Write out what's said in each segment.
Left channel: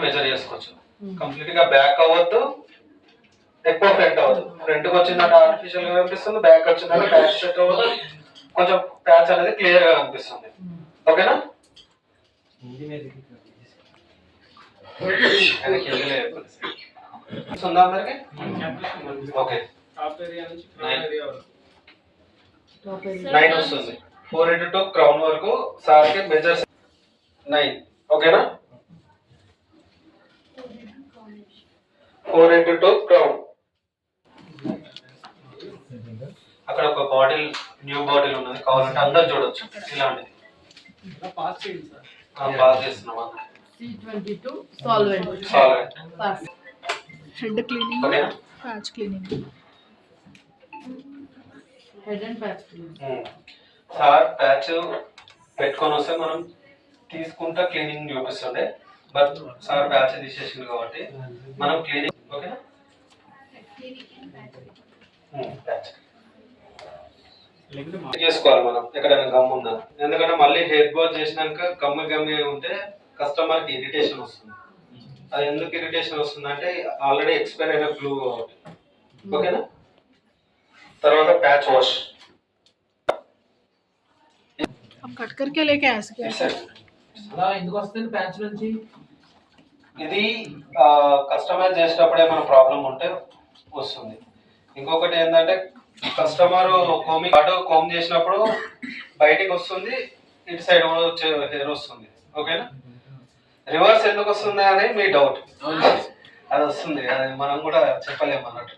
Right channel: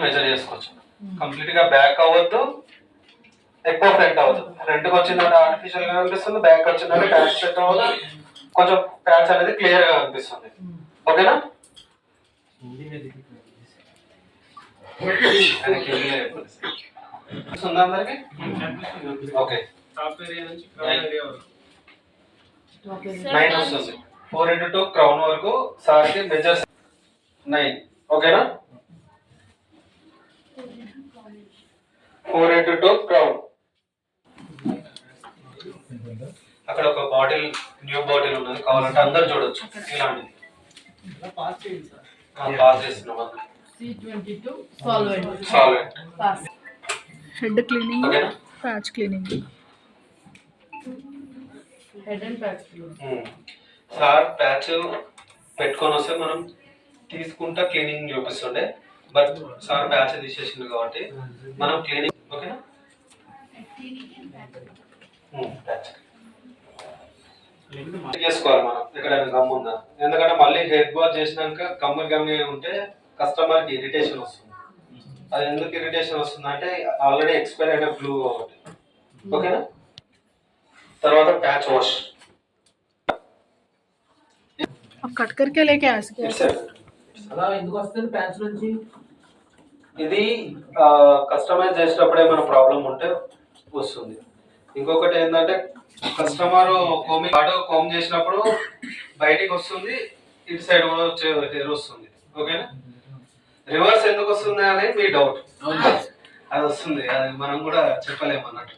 Measure చేసుకోవచ్చు. Complete గా back అవ్వద్దు, ఎక్కువ ఫ్రంట్ అవ్వదు. ఫ్రంట్ కి వచ్చిందంటే ఆర్టిఫిషియల్ గా కనిపిస్తుంది, బ్యాక్ వచ్చిందంటే ప్యాచ్ సెట్ అవ్వదు, కొంచెం ప్యాచ్ అనేది క్లియర్ గా కనిపిస్తుంది. ఓకేనా? అందరికి ఓకే. 9 వస్తుంది. 4 to క్రౌన్ వరకు సార్కి మెజర్స్ 9. ఓకేనా? 4 to క్రౌన్. అక్కడ ఒక బాటిల్, న్యూ బాటిల్ ఉన్నది, కావాలంటే అందరు చూడొచ్చు. ఇలాంటిది పాస్ చేస్తున్నాం. C22 solvent head cleaning, patch cleaning, head and patch cleaning. Sir patch పెట్టుకొని వస్తే మనం తీసుకుంటా క్లీనింగ్ చూపిస్తుండే, బట్ సార్ ప్యాచ్ తీసేసింది కాబట్టి మనం క్లీనింగ్. ఓకేనా? ప్యాచ్ చేసుకోవాలి మనం ఎక్కడైనా గమ్ ఉందా, ఎందుకంటే మళ్ళీ హెడ్ వాష్ చేసినాక గమ్మి ఉంటే కస్టమర్కి ఇరిటేషన్ వస్తుంది. అది ఎందుకు ఇరిటేషన్ వస్తుంది అంటే ఆల్రెడీ ఎక్స్పైర్ అయిన గ్లూ కాబట్టి. ఓకేనా? తర్వాత ప్యాచ్ వాష్. కట్ करके लेके आ सकते हैं. అలా ఎందుకు వస్తుంది ప్యాచ్ నుంచి? ఇది కస్టమైజ్ చేసేటప్పుడు ఏమైనా ప్రాబ్లం ఉంటే వస్తుంది. ఇంకొకటి ఏంటంటే కస్టమర్ కోమ్ చేసినప్పుడు బయటికి వస్తుంది, ఇటు సైడ్ కూడా వచ్చే హెయిర్ వస్తుంది. ఓకేనా? రివర్స్ ఎందుకు వస్తుంది అని మీ డౌట్. అది వస్తుంది, అది మనం కూడా చెప్పలేము అన్నట్టు.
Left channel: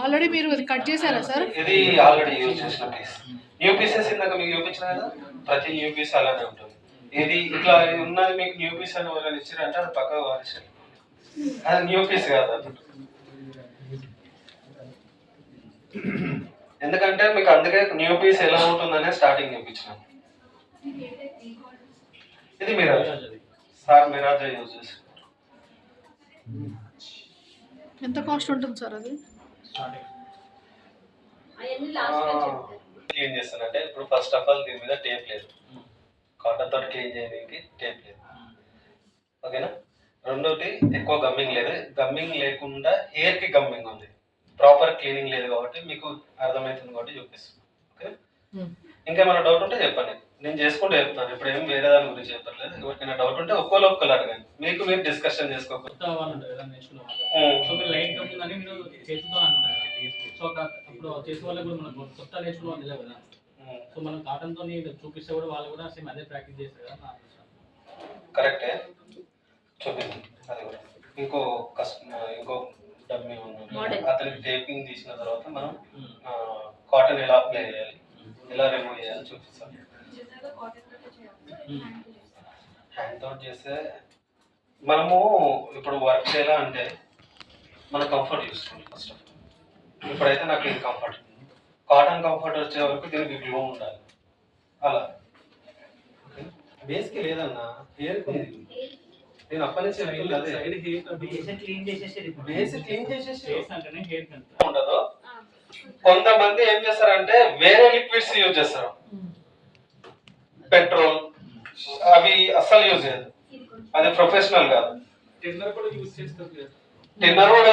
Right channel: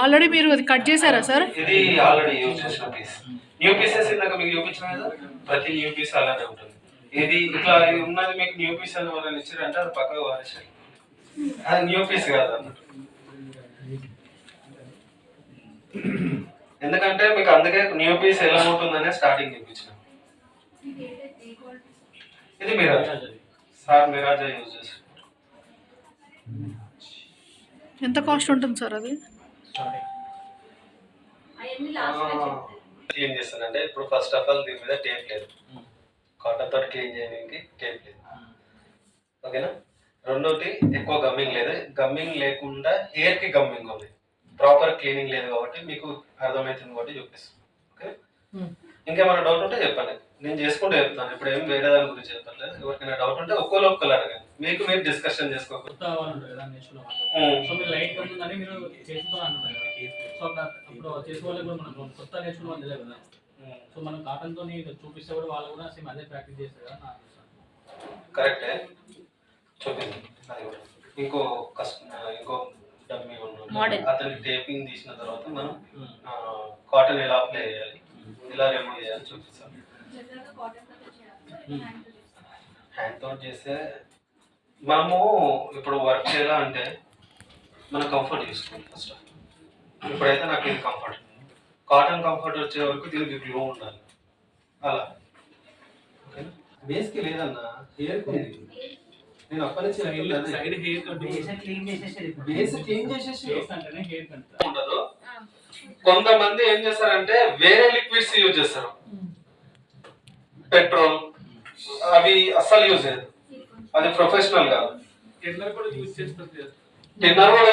ఆల్రెడీ మీరు అది కట్ చేశారా సార్? ఇది ఆల్రెడీ యూజ్ చేసిన పీస్. న్యూ పీసెస్ ఇందాక మీకు చూపించిన కదా, ప్రతి న్యూ పీస్ అలానే ఉంటుంది. ఇది ఇట్లా ఉన్నది మీకు న్యూ పీస్ అని ఎవరైనా ఇచ్చారంటే అది పక్కగా వారేసారు, అది న్యూ పీస్ కాదు అన్నట్టు. ఎందుకంటే మీకు అందుకే న్యూ పీస్ ఎలా ఉంటుందనే స్టార్టింగ్ చూపించినాను. ఇది మిరాజ్ సార్, మిరాజ్ యూజ్ చేస్తారు. ఎంత కాస్ట్ ఉంటుంది సార్ అది? క్లీన్ చేస్తానంటే ఇప్పుడు ఫస్ట్ ఆఫ్ ఆల్ దీని మీద టేప్ లేదు, కాటన్ తోటి క్లీన్ చేయడానికి టేప్ లేదు. ఓకేనా? రెండోటి ఎక్కువ గమ్మింగ్ లేదు. గమ్మింగ్ లేకుండా హెయిర్ కి గమ్మింగ్ ఉంది, ప్రాపర్ క్లీనింగ్ లేదు కాబట్టి మీకు అర్థమవుతుంది కాబట్టి చూపిస్తాను. ఓకే? ఇంకేమైనా డౌట్ ఉంటే చెప్పండి, నేను చేసుకుంటే చెప్తాను. ఇప్పుడు ఏం వేరే దాని గురించి చెప్పట్లేదు. ఎవరికైనా డౌట్ ఉంటే ఒక్కోళ్ళు అడగండి, మీకు మీరు డిస్కషన్ చేసుకోవచ్చు. కరెక్టే, చూపిస్తాను. అది కూడా ఇంకో డబ్బి అతనికి టేపింగ్ తీసిన తర్వాత మనం కాటన్ ఎలా అప్లై చేయాలి, ఎలా రిమూవ్ చేయాలి చూపిస్తాం. హ్యాండ్ తోటి చేస్తే మనము ఇప్పుడు వర్క్ ఎలా అంటే మన కంఫర్ట్ చూసుకోవాలి ఫస్ట్ ఆఫ్ ఆల్. ఇప్పుడైతే నాకు ఇది కంఫర్ట్, కాటన్ కంఫర్ట్ వచ్చే వరకు దీనికి గ్లో ఉండాలి. అలా బేస్కి లేదన్నా, హెయిర్ నేను అప్పటి నుంచి ఉండదు. కొంతమంది ఏం చేస్తారంటే వేరే లిక్విడ్స్ యూజ్ చేస్తారు, పెట్రోల్ అవి అస్సలు యూజ్ చేయదు, అది ప్రొఫెషనల్ కాదు. టిన్నర్ కూడా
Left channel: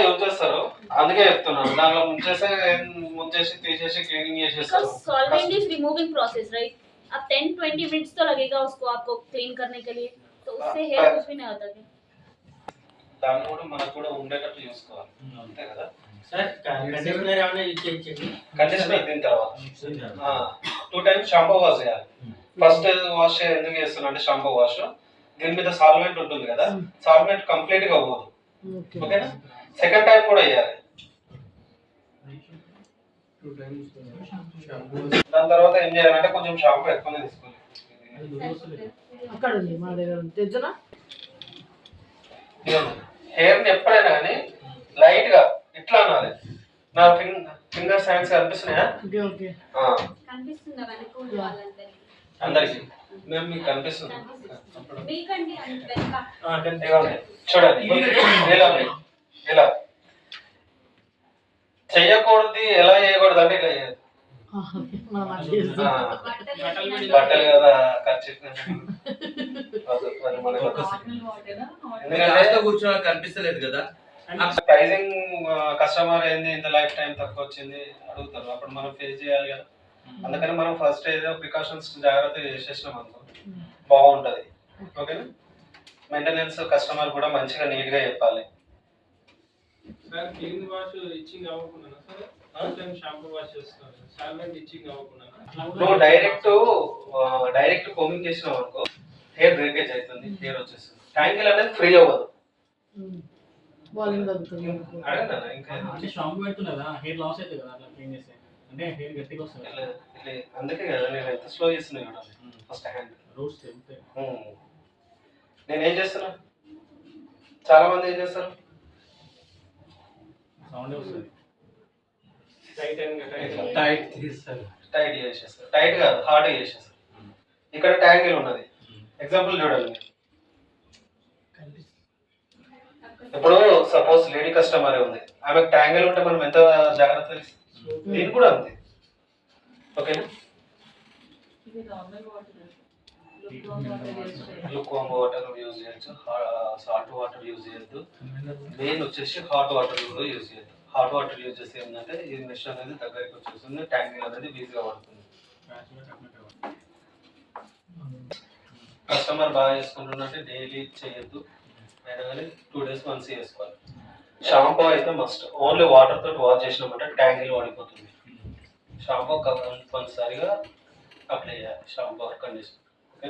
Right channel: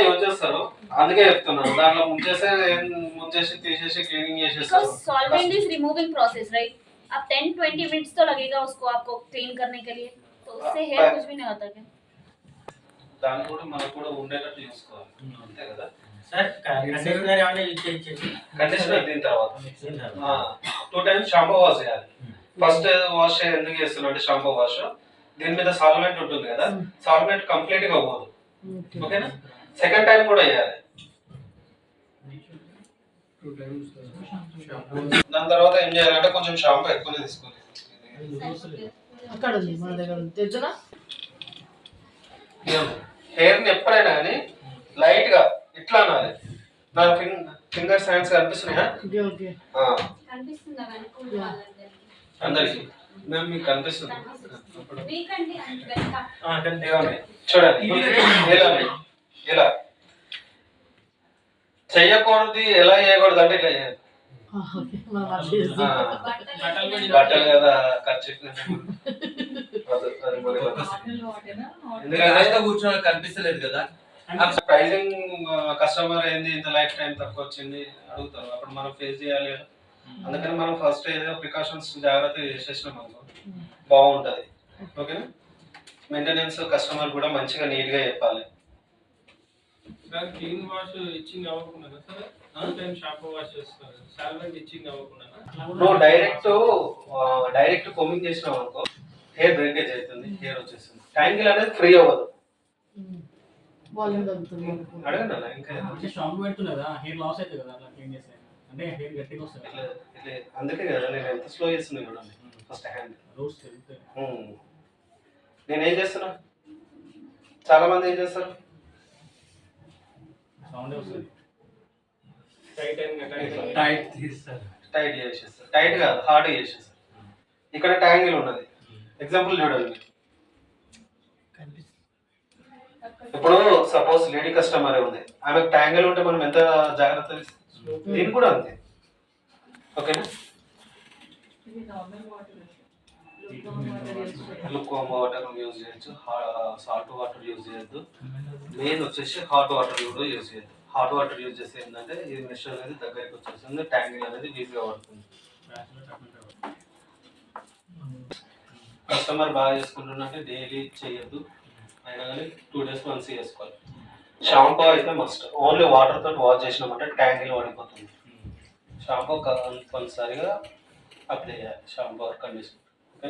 యూజ్ చేస్తారు, అందుకే చెప్తున్నాను. దాంట్లో ముంచేసి తీసేసి క్లీనింగ్ చేసేస్తారు. Solvent is removing process right. अब 10-20 मिनट्स तो लगेगा उसको आपको क्लीन करने के लिए, तो उससे हेयर कुछ भी नहीं होता क्या? దాన్ని కూడా మనకు కూడా ఉండేటట్టు చూసుకోవాలి, అంతే కదా సార్? కండిషనర్ ఏమైనా యూజ్ చేయొచ్చు? కండిషనర్ దీని తర్వాత 2 times షాంపూ వాష్ చేయాలి. ఫస్ట్ వాష్ ఎందుకు చేస్తున్నా అంటే షాంపూ వాష్ దీని మీద సాల్వెంట్ ఉంటుంది కదా, సాల్వెంట్ కంప్లీట్ గా పోదు. ఓకేనా? సెకండ్ టైం కూడా చేయాలి. దాని తర్వాత ఏం చేయాలంటే కొంచెం షాంపూ ఎక్కువనే తీసుకోవాలి. అక్కడ ఉంది మన దగ్గర తెచ్చనా. హెయిర్ ని ఎప్పుడైనా కానీ లైట్ గా ఇట్లా అనాలి. నా ఫింగర్స్ హ్యాండ్స్ కనిపిస్తున్నాయా? అందరికి మేము మీకు కనిపిస్తుంది చూడండి. ఇలా చెయ్యకూడదు, ఎలా చేయకూడదు అంటే ఇట్లా చేయాలి. బట్టలు కదా ఖర్చు అది మనకు ఎందుకంటే కూర్చొని కనిపిస్తలేదు కదా. ప్రైజింగ్ కస్టమర్ ఏంది ఇంత లైఫ్ టైం తక్కువ వచ్చింది అడుగుతారు, అప్పుడు మనం ఫేస్ చేయాలి కదా. అందుకని మనం ఫస్ట్ ఏదో ప్రికాషన్స్ జాగ్రత్తగా చేసేసినాం అనుకో బాగుంటుంది. ఓకేనా, మెయింటెనెన్స్ కస్టమర్ కూడా మంచిగా నీట్గా చెప్పాలి. సార్ క్లీన్ వాష్ ఇచ్చింగ్ అవ్వకుండా సార్ టైం షాంపూ వాష్ చేస్తారు, సాల్వెంట్ ఇచ్చింగ్ అవ్వకుండా నువ్వు డైరెక్ట్ కోమింగ్ చేసినావు అనుకో హెయిర్ బ్రేకేజ్ అవుతుంది, హెయిర్ వచ్చేస్తుంది. ట్యాంగిల్ అనేది ఫ్రీ అవ్వదు. వాల్యూమ్ తగ్గుతుంది. అడగండి అన్న ఇంకా అంటే షాంపూ పెడుతుంది కదా, హెయిర్ లాస్ అవుతుంది కదా అట్లా క్లీన్ చేస్తే, అంటే హెయిర్ గట్టిగా వస్తుంది. ఇట్లా అందుకే కదా నేను ఎంత స్లో చేస్తున్నా చూడండి. ఫస్ట్ హ్యాండ్ రూట్స్ తెలుస్తాయి. నేనేం చేస్తున్నా, చాలా మంది ఏం చేస్తారు సౌండ్ వస్తుంది. టైట్ తీస్తారు, టైట్ చేసేస్తారు. టైట్ కాదు, హార్డ్ చేసేస్తారు. ఇక్కడ ట్యాంగిల్ ఉన్నది, ఎగ్జాంపుల్ చూడండి. ఇప్పుడు సపోజ్ లేడీ కస్టమర్ ఉంది, ఆమెకు ట్యాంగిల్ ఉంటే మనం ఎంత జాగ్రత్త దీనికి కూడా అంతే. ఓకేనా, లుక్వామ్ వాటర్ యూజ్ చేయొచ్చు, సాల్ట్ వాటర్ యూజ్ చేయొద్దు. మెయిన్ వచ్చేసి హాట్ వాటర్ కూడా యూజ్ చేయొద్దు. హాట్ వాటర్ యూజ్ చేస్తే ఏంటంటే ఈ మెష్ అనేది దగ్గరికి వచ్చేస్తుంది, ట్యాంగిల్ అనేది ఈజీగా పడుతుంది. కస్టమర్ బాగా చేసుకుంటున్నట్టే డైలీ చేయొద్దు, అయినా కానీ 2 days once చేసుకోవాలి. షాంపూ అయితే మస్ట్, ఓన్లీ వాటర్ తోటి వాష్ చేసినామంటే ట్యాంగిల్ పడిపోతుంది. షాంపూ కంపల్సరిగా అప్లై చేయాలి, షాంపూ ఆర్ కండిషనర్. ఓకే,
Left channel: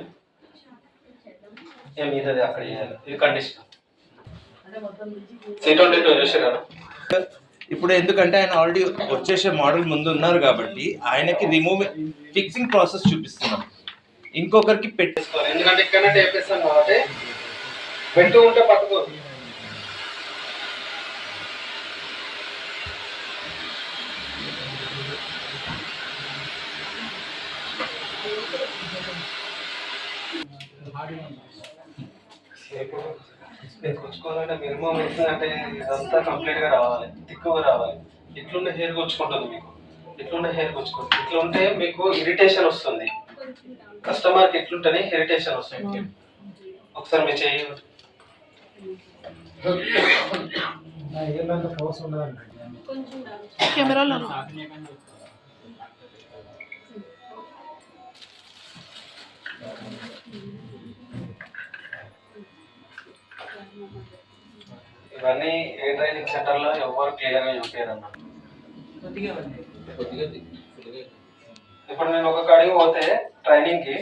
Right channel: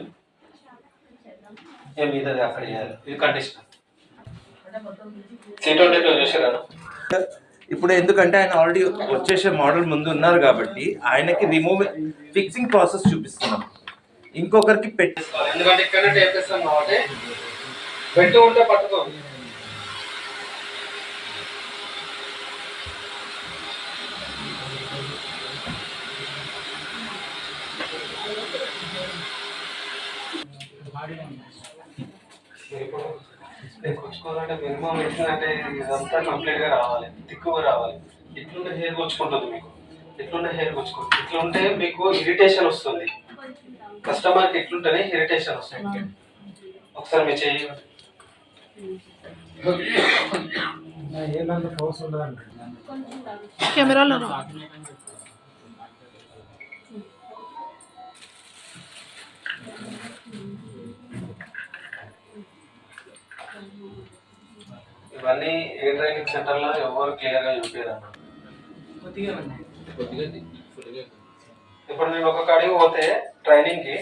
ఏం మీదది అక్కడ చేయాలి. ఇది కండిషనర్. C22 చూసారా? ఇప్పుడు ఎందుకంటే ఆయన ఆల్రెడీ వచ్చేసే మోడల్ ముందు ఉన్నారు కాబట్టి ఆయనకి ఫిక్సింగ్ ప్రాసెస్ చూపిస్తున్నాం, ఇంకొకరికి పెట్టేసుకోవాలి. ఎందుకంటే ఇక్కడ టేప్ వేస్తాం కాబట్టి పెట్టు ఉంటే పట్టుకో. ఇప్పుడు కొచ్చుకోవాలంటే మినిమం ఏంటంటే ఇదంతా కంప్లీట్ గా రావాలి, తిక్కువ రావాలి. ఇట్లుండే హెయిర్ కొచ్చుకుంటుంది మీకు, ఇట్లుండే హెయిర్ కొచ్చుకుంటుంది. ఇట్లుంటే మీకు ఇరిటేషన్ వస్తుంది, కస్టమర్కి ఇట్లుంటేనే ఇరిటేషన్ వస్తుంది. ఒకసారి మీరు చేయండి. కెమెరాలో ఇవన్నీ ఏ ట్రైనింగ్ సెంటర్ లో ఎవరు క్లియర్ గా చూపించారన్న. ఇప్పుడు నేను ఒక కాడికి పోతే ట్రైనింగ్ కి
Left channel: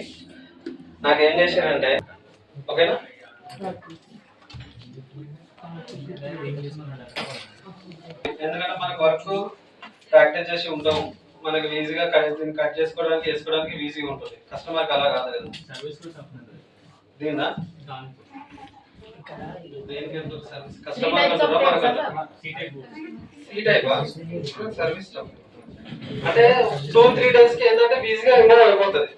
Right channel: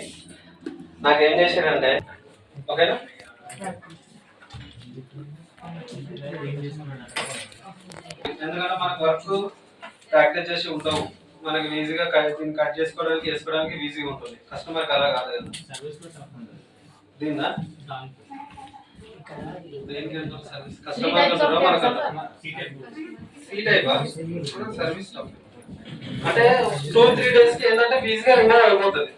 నాకేం చేశారంటే, ఓకేనా, ఎందుకంటే మనకు వర్క్ ప్రాక్టీస్ చేసి ఉండవు, మనకి ఈజీగా దీన్ని కట్ చేసుకోవడానికి వేసుకోవడానికి ఈజీగా ఉంటుంది. కస్టమర్కి అలా కాదు కదా. దీన్నా దేనికి ఎంత సర్వీస్ కస్టమర్ సర్వీస్ అంటే 2-3 days కి ఏంటంటే ఈజీగా రిమూవ్ అయిపోతుంది.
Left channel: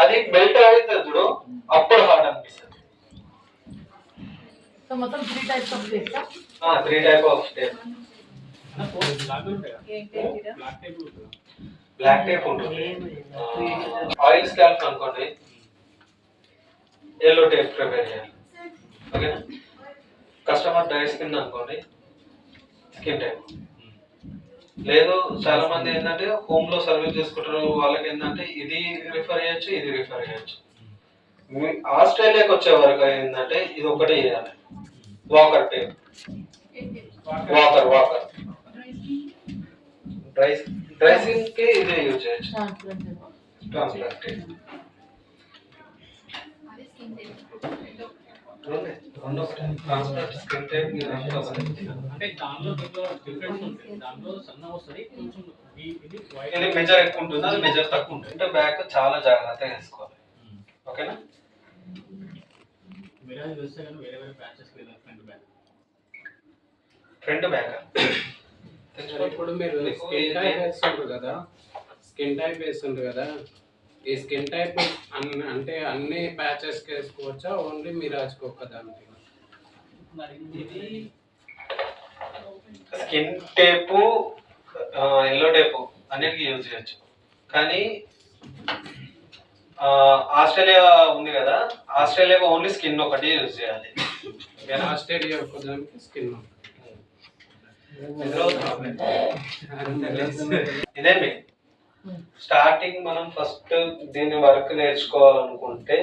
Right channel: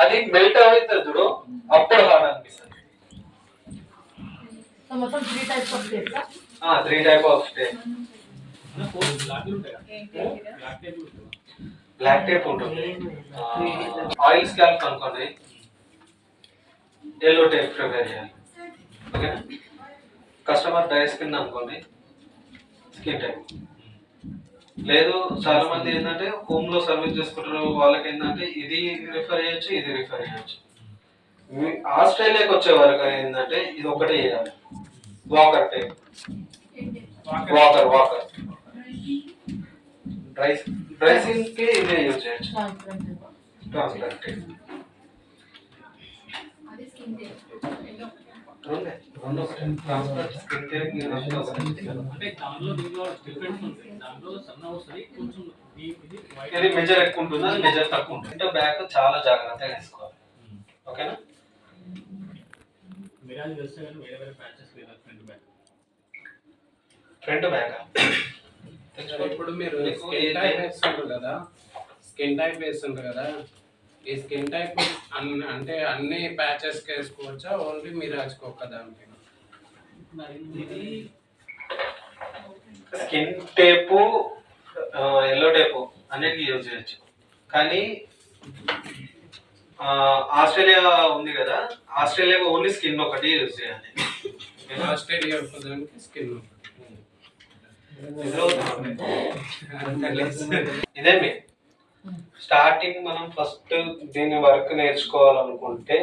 అది మెల్ట్ అవుతుంది చూడు, అప్పుడు హార్డ్ అనిపిస్తుంది. మొత్తం 3 types of tape. 3 type of tape. Black tape ఉంటుంది, ఆయిల్ స్కాల్ప్ అనుకోండి, ఎల్లో టేప్ ప్రిపేర్ చేయాలి. ఓకేనా, కస్టమర్ డ్రై స్కిన్ అనుకోండి, స్కిన్ టైప్. లేదు చాలా మంది ఏంటంటే హోమ్ లో సర్వీస్ చేసుకుంటారు, వాళ్ళకి ఏంటంటే ఇది రిఫర్ చేయొచ్చు, ఇది రిఫర్ చేయొచ్చు. ఆస్ట్రేలియాకి వచ్చే వరకు ఏంటంటే ఇది ఒకటే చేయాలి, walker tape. Walker dry skin కి ఇదే యూజ్ చేయొచ్చు, ట్రాన్స్పరెంట్ టేప్. రెండు ఒకటే, ట్రాన్స్పరెంట్ స్కిన్ టేప్ అంటే దానిలో దీంట్లో డిఫరెన్స్ ఉంటుంది. దానిలో సన్న వస్తుంది కొంచెం, ఇది మెజర్ ఎక్కువ ఉంటుంది, అది మెజర్ తక్కువ ఉంటుంది. అంటే బ్యాక్ చాలా జాగ్రత్తగా వేసుకోవాలి. ఓకేనా, మిరాజ్ వేస్తే కానీ వేరే వేరే ప్యాచెస్ లేదా ఫ్రంట్ బ్యాక్. ఫ్రంట్ బ్యాక్ ఇప్పుడు మీరు స్కిన్ టైప్ వేస్తుంటారు కదా, స్కిన్ టైప్ వేస్తుంటారు కదా, ఈ స్కిన్ టైప్ అంటే అన్ని ప్యాచెస్ కి వేసుకోవచ్చా, ఓన్లీ మిరాజ్కి ఒక్కదానికి? ఇది స్కిన్ టేపు, ఎల్లో టేపు అన్నిటికీ యూజ్ చేయొచ్చు. కానీ ఆస్ట్రేలియా ఉంది కదా, ఆస్ట్రేలియాకి ఓన్లీ స్కిన్ ఒకటి యూజ్ చేయాలి. ఆస్ట్రేలియా ఒక్కదానికి స్కిన్ ఇదే మీ స్టార్టింగ్ మనం ఫస్ట్ దీని వర్క్ నేర్చుకోవాలనుకుంటే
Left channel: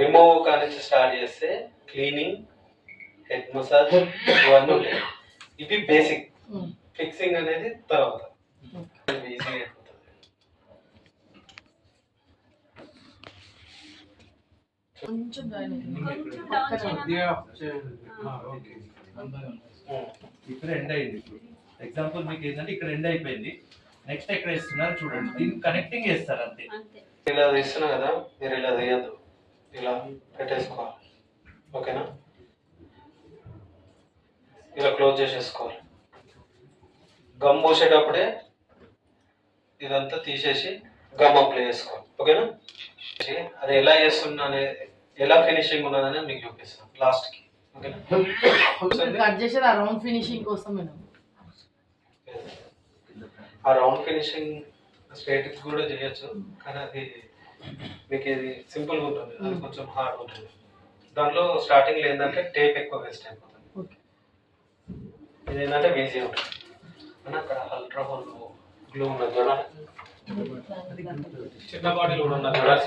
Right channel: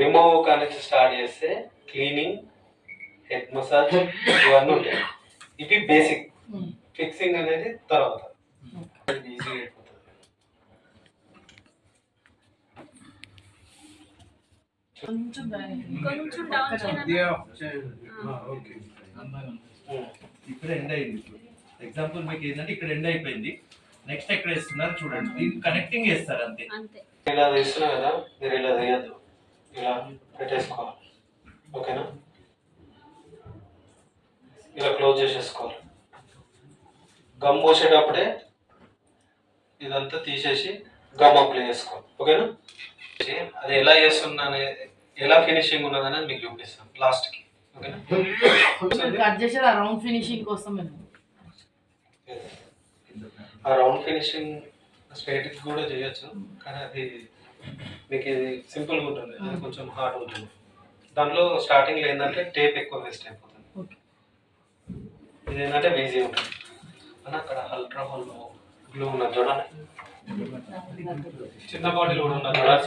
రిమూవ్ కానీ స్టార్ట్ చేస్తే క్లీనింగ్, హెడ్ మసాజ్ ఇవన్నీ ఉంటాయి. ఇవి బేసిక్. ఫిక్సింగ్ అనేది తర్వాత ఈజీగా అయిపోతుంది. కొంచెం కొంచెం డౌన్ ఓకే. ఇప్పుడు ఎండ్ అయింది. ఇప్పుడు ఎగ్జాంపుల్ మీకు ఏంటంటే ఇక్కడ ఎండ్ అయిపోయింది. నెక్స్ట్ ఎక్కడ ఇస్తున్నారు చూడండి, దీన్ని కనెక్టింగ్ చేస్తారు అంతే. అంతే. ఇలా తీస్తున్నా కదా, మీరు ఇలా తీయద్దు, ఇలా పెట్టేసుకోవాలి. ఓకేనా? ఇలా క్లోజ్ చేసేసుకోవాలి. గమ్ పోసేటప్పుడే ఇదంతా తీసేసి గమ్ అప్లై చేసుకోవాలి. ఓకేనా? అది ఎలా చేస్తున్నా అనేది, ఎలా ఫినిషింగ్ ఉన్నదని మీకు చూపిస్తాం లాస్ట్కి. ఓకేనా? కట్ చేసేది ఆ రౌండ్ ఫినిషింగ్ కోసం మేడం. ఆ రౌండ్ ఫినిషింగ్ స్ట్రైట్కి కూడా చేయొచ్చు, కానీ అది మీకు ఇది సింపుల్గా ఉంటుంది, అది కొంచెం హార్డ్ ఉంటుంది. దాంట్లో స్టార్టింగ్లో ఏంటంటే టేప్ ఎక్కువ వేస్ట్ అయిపోతుంది. ఇది ఏంటంటే ఈజీ ఉంటుంది. అని అక్కడ అల్ట్రా హోల్ గ్లూ ఉన్నది చూడండి, చిన్న బాటిల్ కూడా ఉన్నది చూడాలి.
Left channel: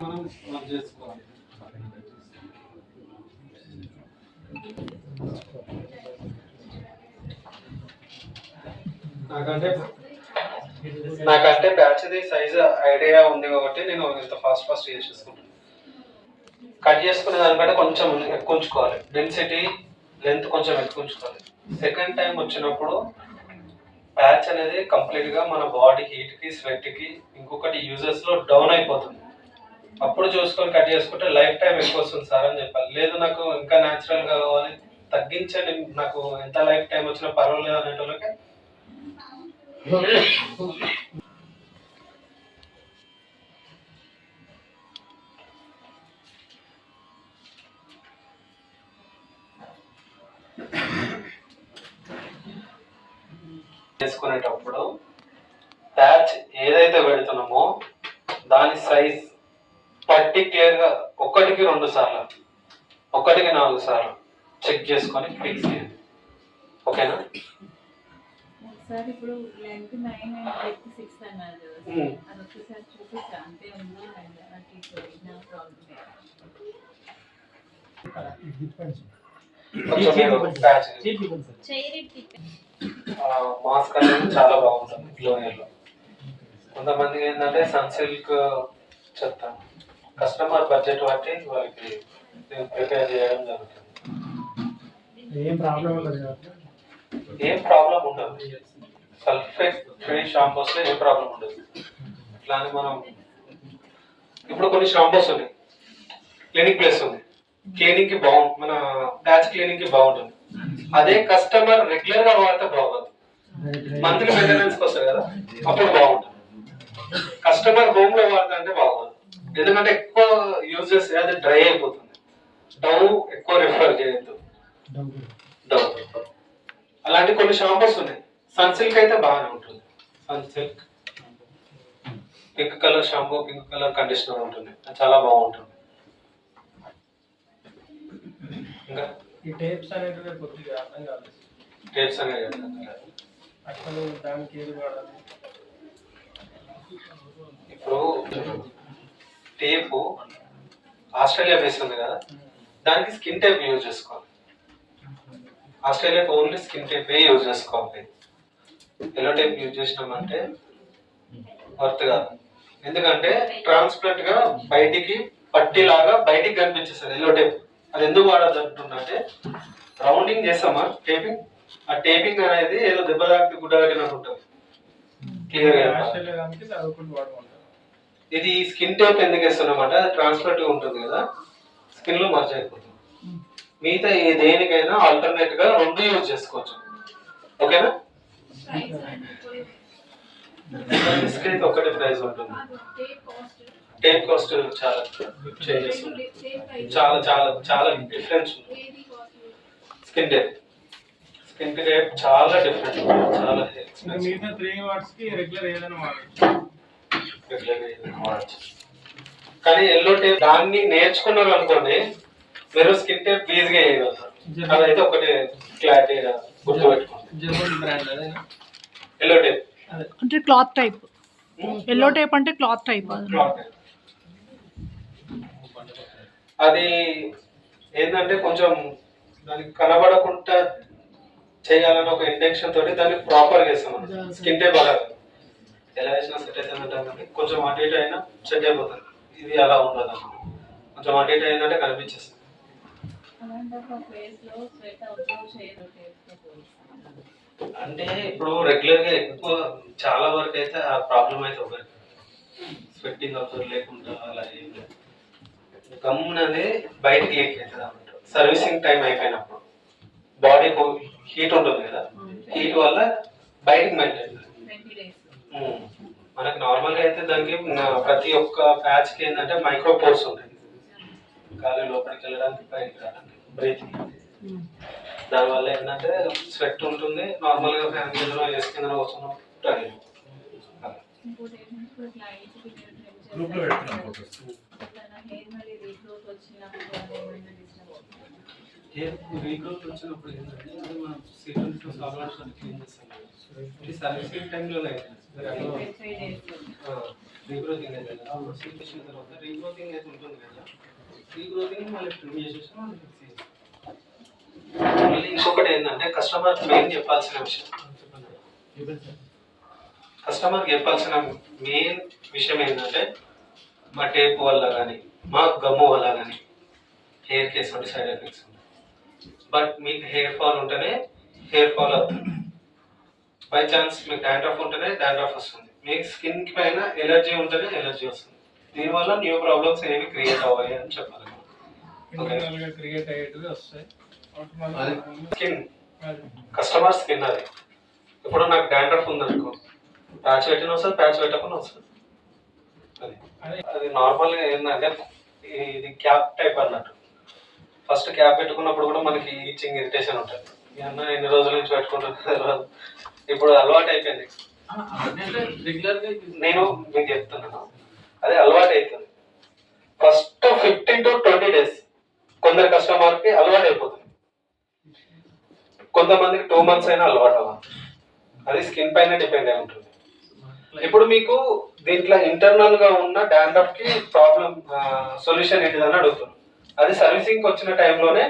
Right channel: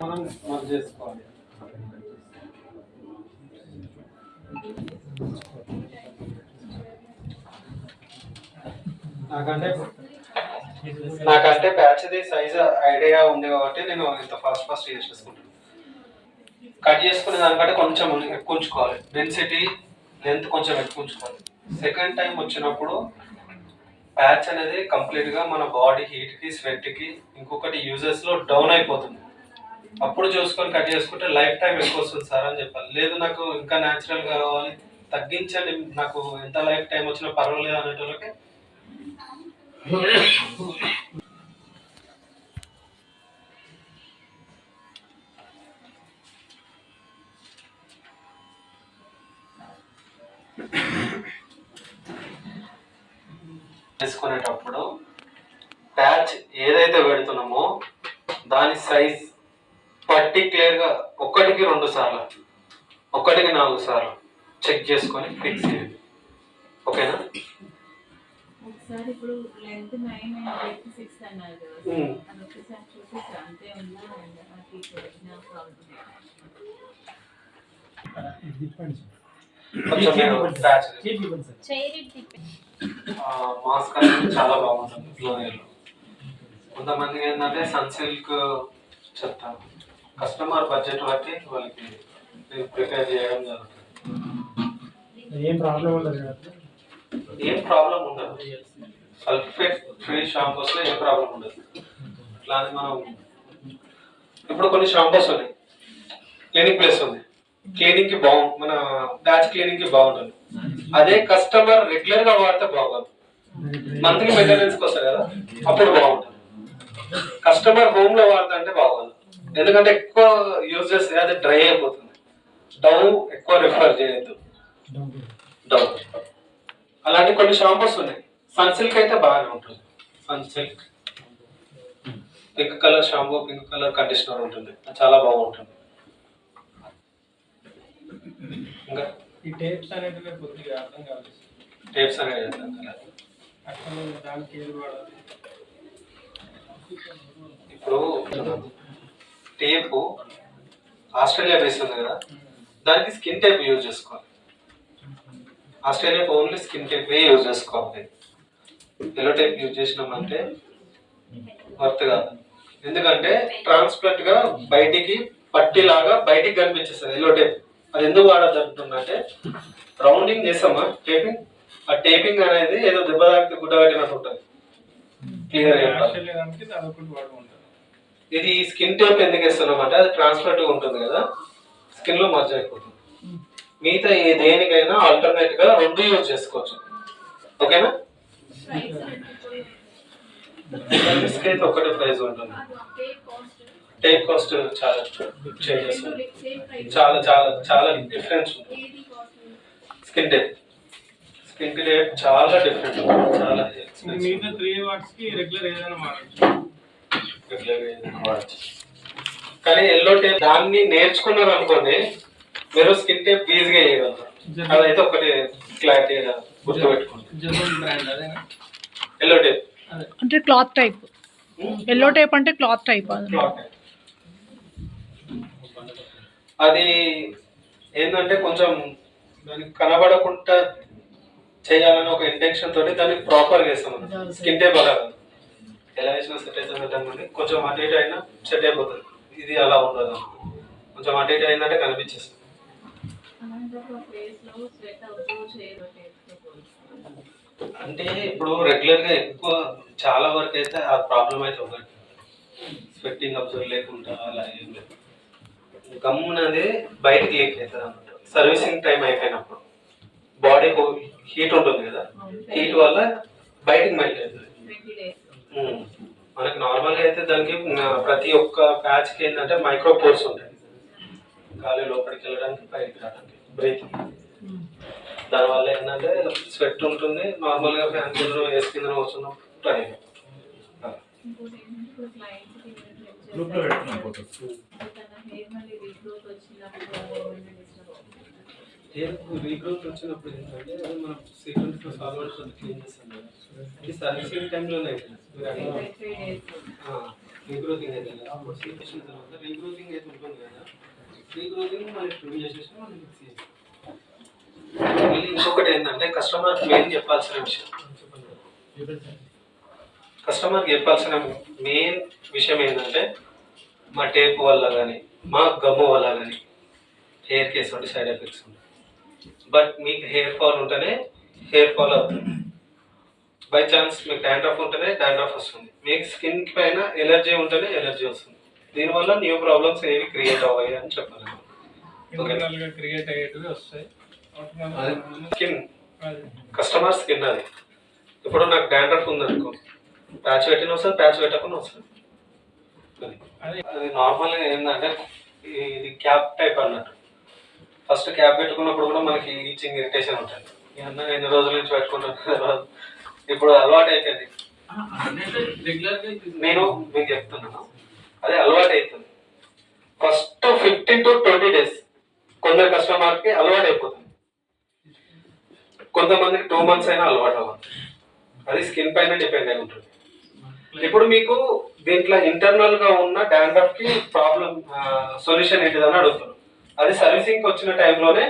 మనం మర్జ్ చేసుకోవాలి. నాకంటే ప్యాచ్ది సైజ్ ఐడియా ఉంది కాబట్టి నేను ఇంత ఫాస్ట్ చేసేసుకుంటాను. కట్ చేసుకునే దానికంటే కొంచెం ఎక్కువ ఉంచుకోవాలి, డెన్సిటీ లెంత్ కొంచెం ఎక్కువ ఉంచుకోవాలి. సెకండ్ టైం వచ్చినప్పుడు ప్యాచ్ అనేది కంప్లీట్గా మన బాడీ హీట్కి, స్వెట్కి, ఇంకొకటి యూజెస్లో డౌన్ అయిపోతుంది. అప్పుడు చూసుకొని కట్ చేసుకుంటే లైఫ్ టైం ఎక్కువ వస్తుంది సార్ అని చెప్పాలి. లేదు నాకు ఇంకా న్యాచురల్గా కావాలి, తగ్గించండి, నాకు ఎంత లైఫ్ టైం వచ్చినా పర్వాలేదు అనేటోళ్ళకి చేసుకునేటప్పుడు ప్యాచ్ ఏదైతే పెడుతున్నామో దాని సైజ్ పర్టిక్యులర్గా 1కి 2 సార్లు, 1కి 4 సార్లు చెక్ చేసుకొని ఫిక్స్ చేయండి. ఓకేనా? ఒకసారి ఇప్పుడు లెంత్ 9 అండ్ బ్రెడ్త్ 6 అన్నారు. అది ఒకసారి చూపిస్తా అంతే ఉందా నాకు ఒరిజినల్ ప్రాబ్లం. మాస్క్ అనేది చాలా బాగుంటుంది ఫ్లోయర్లో. కొంతమందికి ఏంటంటే సన్సిల్క్ చెప్తాను, కస్టమర్ బడ్జెట్ బట్టి వాళ్ళకి నేను ప్రిపేర్ చేయడం జరుగుతుంది. ఏం ప్రాబ్లం ఉండదు కదా? ఏం ప్రాబ్లం ఉండదు, సల్ఫేట్ ఫ్రీ షాంపూస్లో ఏం ప్రాబ్లం ఉండదు. ఇట్లా అని మనం ఇప్పుడు కొన్ని షాంపూస్ ఉన్నాయి, క్లినిక్ ప్లస్ ఉంది, క్లీనింగ్కి బాగుంటుంది, మన ప్యాచ్ క్లీనింగ్కి బాగుంటుంది. అదే కస్టమర్ రెగ్యులర్గా వాడితే బాగోదు, మంత్లీ మెయింటెనెన్స్కి వస్తుంది కదా, అప్పుడు బాగుంటుంది. కస్టమర్ హోమ్లో వాడతా అంటే బాగోదు, ఎందుకంటే ఎక్కువ యూజ్ చేస్తే అది డ్రై అయిపోతుంది. డవ్ ఎక్కువ రిఫర్ చేయొద్దు, డవ్. అలాంటి కొన్ని షాంపూస్ ఉన్నాయి. సన్సిల్క్ అయితే బాగానే ఉంటుంది. Sunsilk pink colour shampoo, pink colour conditioner ఉంటుంది, చాలా బాగుంటుంది. ఇంకా ఈ టేప్స్ అనేటివి కొద్దిగా అర్థం కాలేదు. టేప్స్ అనేది అర్థం కాలేదు. అసలు దానికి ఏది వాడాలి? ఇప్పుడు టేపు ఆస్ట్రేలియా బేస్ ఉంది కదా, దానికి స్కిన్ టేప్ యూజ్ చేసుకోవాలి. ఆస్ట్రేలియాకి ఓన్లీ స్కిన్ టేపే యూజ్ చేసుకోవాలి. ఎల్లో టేప్ యూజ్ చేసినామంటే వర్త్ కాదు, ఎందుకంటే ట్రాన్స్పరెంట్ గా బయటికి పట్టిలాగా బయటికి కనిపించేస్తుంది ఎల్లో టేప్. అది ఎందుకు వాడద్దు అంటుందంటే, రౌండింగ్ చేస్తామా టేపింగ్, ఆ టేపింగ్ అనేది ఏదో దెబ్బ తాకితే గుడ్డ పెట్టినట్టు ఉంటుంది, క్లియర్ గా. ఇది స్కిన్ టేప్ ఎందుకు వేస్తున్నామంటే అది ట్రాన్స్పరెంట్ గా ఉంటుంది కదా, స్కిన్ లో మర్జ్ అయిపోతుంది. మిగతా ఏ దేనికైనా ఆల్టర్నేట్ గా 2 యూజ్ చేసుకోవచ్చు. ఓకేనా? బిస్కెట్ ఒకటి ప్రైస్ ఉంటుంది, టేప్ కాస్ట్ చాలా చేంజెస్ చాలా చాలా చాలా డిఫరెన్స్ ఉంది. స్కిన్ టేప్ చాలా డిఫరెంట్, చాలా మిగతా 3 వాట్స్కి రెగ్యులర్ ఏదైనా వాడచ్చు. కానీ ఎల్లో టేప్ దాన్ని నేర్చుకున్నారు అనుకోండి, మీరు స్కిన్ టేప్ ఈజీగా వేయగలుగుతారు. అదైతే ఒకటి క్లారిటీగా గుర్తుపెట్టుకోండి. జర్మన్ బ్రాండ్ అదేనా? ఎల్లో టేప్ అంటే క్లాత్ టైప్. ఎల్లో టైప్ అంటే క్లాత్ టైప్. అది ఏంటంటే కొంచెం దానికి కనబడకుండా చేయాలని ఒక ఇంటెన్షన్ తోటి దాన్ని ప్రాపర్గా వేస్తాం. స్కిన్ టేప్ అలా కాదు. ఎలా వేసినా సెట్ అవుతుంది, కొంచెం అటు ఇటు అయినా సెట్ అయిపోతుంది. ఇది అలా ఉండదు, కొంచెం అటు ఇటు అయిందంటే కనిపించేస్తుంది. అంటే ఇప్పుడు రెగ్యులర్గా ఎక్కువ చాలా వరకు అయితే ఆ ప్రాబ్లం అయితే ఒకటి స్వెట్టింగ్ అబ్జర్వ్ లేకుండా అలా ఏం లేదు. గమ్ అనేది బయటికి లీక్ అవుతుంది అన్నమాట. సర్వీసింగ్ టైం అయిపోయినప్పుడు బాడీ హీట్ ఉంటుంది కదా, హీట్ వల్ల బయటికి మెల్ట్ అవుతుంది. మనకి నార్మల్గా అయితే దానికి ప్రతి ఒక్క ప్యాచ్కి ఏంటంటే మైక్రో పోర్స్ ఉంటాయి, గాలి లోపలికి వెళ్ళడానికి బయటికి రావడానికి, బ్రీతింగ్. దానివల్ల ఏంటంటే స్వెట్ ఉంటుంది. నార్మల్గా ఫ్యాన్ కింద ఏసీ కింద వస్తున్నాం ట్రై రీగ్రోత్ వచ్చినప్పుడు ఏంటంటే అది మనం సీక్వెన్స్లో సాల్వెంట్స్ క్లీన్ చేస్తాం కదా, ఇది సర్వీసింగ్ టైంలోనే రీగ్రోతింగ్ అయితే కదా, సీక్వెన్షన్ తర్వాత రీగ్రోతింగ్ అయితే ఉంటుంది కదా, రీగ్రోతింగ్ మళ్ళీ ట్రిమ్ చేసేసి మళ్ళీ ఫిక్స్ చేస్తాం. మళ్ళీ ఇంకొకటి ఏంటంటే కస్టమర్కి మెయిన్ చెప్పాల్సిన విషయం, కస్టమర్కి చెప్పాల్సిన మెయిన్ విషయం ఏంటంటే మా టేప్ వల్ల కానీ మా గమ్ము వల్ల కానీ హెయిర్ కేస్ వంటి సైడ్ ఎఫెక్ట్స్ ఉంటాయి. బట్ మీకు హెయిర్ ఫాల్ ఉంటేనే హెయిర్ ఫాల్ అవుతుంది. బై ఛాన్స్ మీకు డాండ్రఫ్ ఉంటేనే డాండ్రఫ్ వస్తుంది. మీకు స్కిన్ పైన ఎలర్జీ ఉంటేనే ఎలర్జీ వస్తుంది. దీనివల్ల న్యూ ప్రాబ్లమ్స్ ఏవి క్రియేట్ అవ్వాయి అని చెప్పాలి. క్రియేట్ అయ్యేటివి వస్తాయి. స్కిన్ కస్టమర్ స్కిన్ అది. ఇప్పుడు నాకు డాండ్రఫ్ ఉందనుకో, ప్యాచ్ పెట్టిన వస్తుంది, ప్యాచ్ పెట్టకుండా వస్తుంది. అది నార్మల్గా ఏంటంటే ఇది క్యాప్ టైప్ అన్నట్టు. ఫస్ట్ క్యాప్ పెట్టుకున్నప్పుడు కూడా మనకి ఈచింగ్ ఇరిటేషన్ ఉంటుంది. అన్న ఎన్ని రోజుల నుంచి పెట్టుకుంటున్నారు, ఇప్పుడు అలవాటు అయిపోయింది. నేను మీకు చెప్తున్నాను, అదే అలవాటు అవుతుంది. ఫస్ట్ 15 to 20 days కొందరు కస్టమర్కి అలవాటు అయిపోతుంది, కొంతమందికి 2 months అయినా అలవాటు అవ్వాలి. అది స్కిన్ పైన డిపెండ్ అయి ఉంటుంది. ఇప్పుడు మీకు దీంట్లో ఇంటర్నల్ గా ఉన్న డాండ్రఫ్ కి ప్రాబ్లం సొల్యూషన్ ఏంటిదని అడుగుతున్నాను. అది సర్వీసింగ్ వచ్చిన టైంలోనే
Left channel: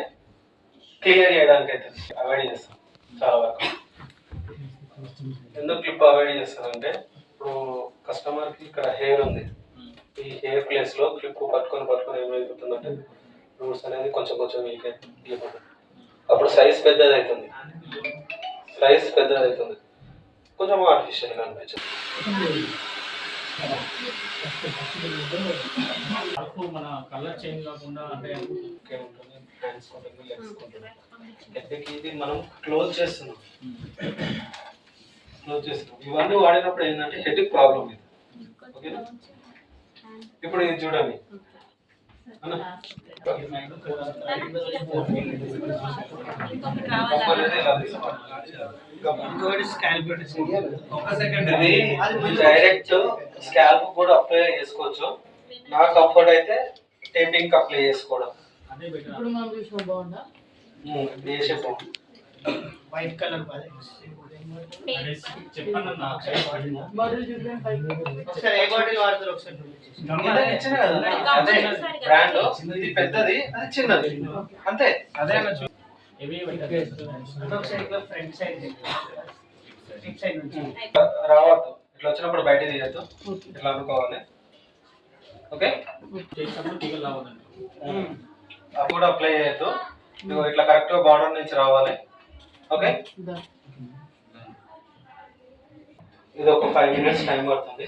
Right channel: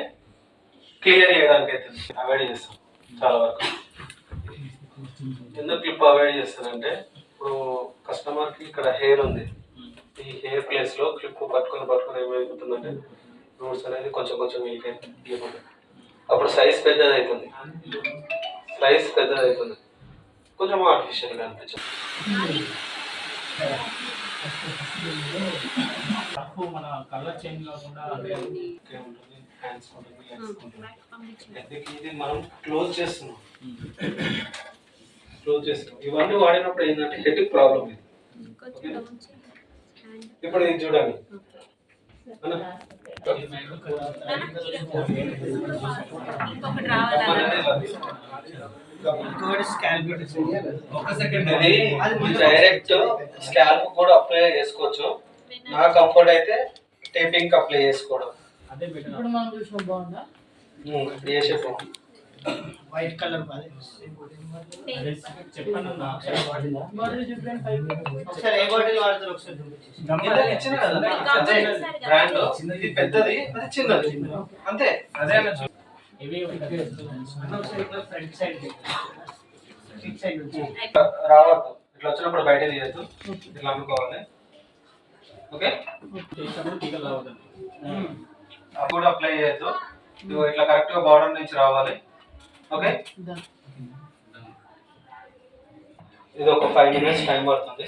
క్లియర్ చేయడానికి అయితే అవాయిడ్ చేస్తాం చాలా వరకు. ఎందుకు క్లిప్ అవాయిడ్ చేస్తానంటే, ఇప్పుడు కస్టమర్కి ఇక్కడ హెయిర్ ఉంది, ఈ హెయిర్ ప్లేస్ లో క్లిప్ పట్టుకొని ఏమైపోతుందంటే రూట్స్ అనేది కొంచెం కొంచెం వీక్ అయిపోతుంది. అప్పుడు సైజ్ పెద్దది అవుతుంది, కొంచెం ఆర్టిఫిషియల్గా అనిపించింది. మన కలర్ చేంజ్ కాకుండా అంటే ఉంటుంది, హ్యాండ్స్ ఉంటుంది, లెగ్స్ ఉంటుంది. ఇది మనం క్లోజ్ చేస్తున్నాం. ఇవన్నీ వాడినప్పుడు ఏంటంటే హెడ్కి ప్రాబ్లం ఇది. ఇప్పుడు ఇది చూడండి, డైరెక్ట్ స్కాల్ప్ కూడా అప్లై చేసుకోవచ్చు. నా కంఫర్ట్ అయితే టేపింగ్ అప్లై చేసుకోవడం. ఇప్పుడు మనం చూసిన బాగుందా? వైట్ కలర్ చెప్పండి. బాటిల్ చూపించండి పైకి. ఒకసారి ఏ బాటిల్ వాడతారు ఒకసారి బ్రాండ్ ఇది పెద్దది, అది చిన్నది, అంతే. అదే అన్న రావద్దు, ఇట్లా వచ్చినప్పుడు బయట తీయద్దు, ఇట్లా అనుకోవాలి. ఓకే, అది కూడా అప్లై చేయొద్దు. ఇట్లా కరెక్ట్ గా బార్డర్ నుంచి రావాలి. ఓకే, ఇది ఒక 5 minutes టైం పడుతుంది.